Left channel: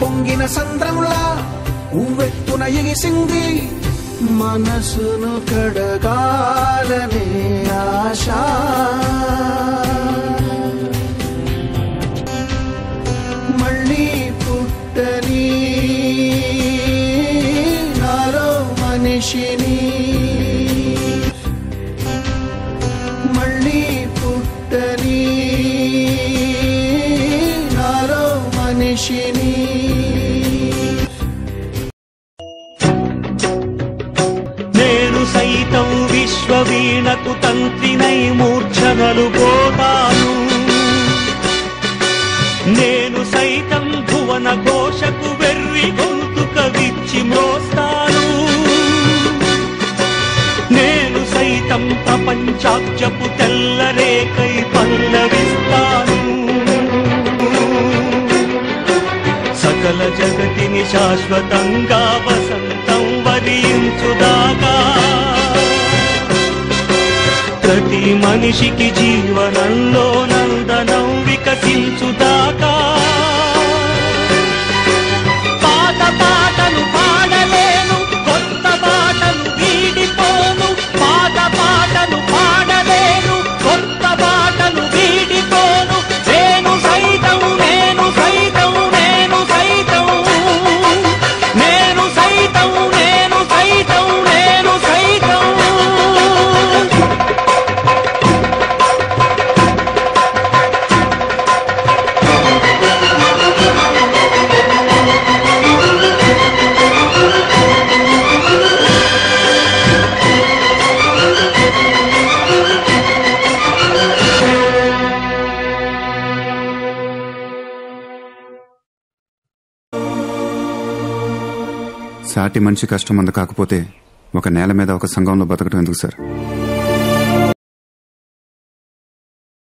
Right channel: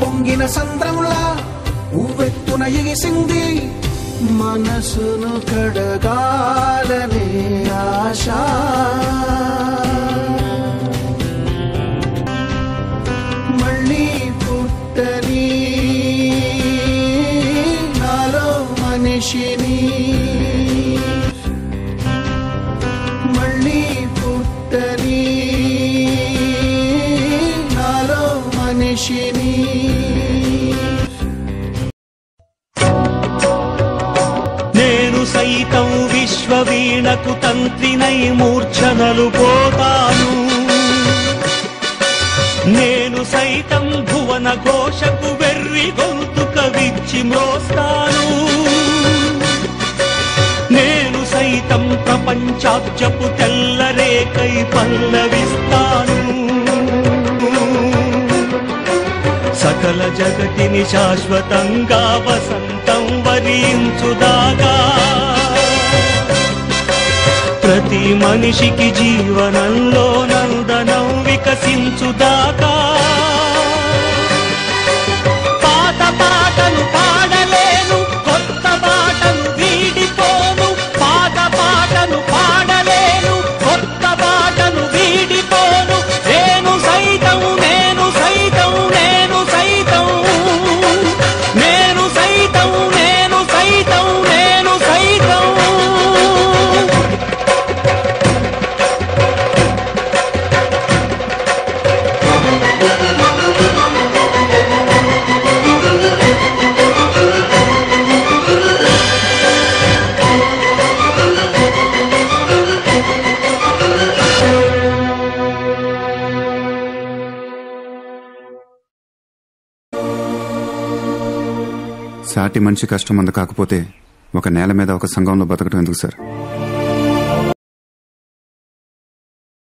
పొంగిన సంద్రంలా ఉవ్వెత్తున ఎగిసింది మనసును కడగాలనే ఆశ. మళ్ళీ పుట్టని నాలో మనిషిని, మళ్ళీ పుట్టని నాలో మనిషిని. నేను సైతం విశ్వవీణకు తంత్రినై మూర్ఛనలు పోతాను. నేను సైతం భువన ఘోషకు వెర్రి గొంతుక విచ్చి మ్రోస్తాను. నేను సైతం ప్రపంచాబ్జపు తెల్లరేకై పల్లవిస్తాను. సకల జగతిని శాశ్వతంగా వసంతం వరించుదాకా, ప్రతి మనిషికి జీవనంలో నందనం వికసించుదాకా. పాత పాటలు పాడలేను, కొత్త పాటలు వీడిపోను. పాత పాటలు పాడలేను, కొత్త పాటలు వీడిపోను. నేను సైతం నేను సైతం నేను సైతం నేను సైతం నేను సైతం నేను సైతం. సాటి మనిషి కష్టం అంద కాకపోతే ఒక నేల మీద ఒక సంఘంలో బతకడం ఎందుకు సార్?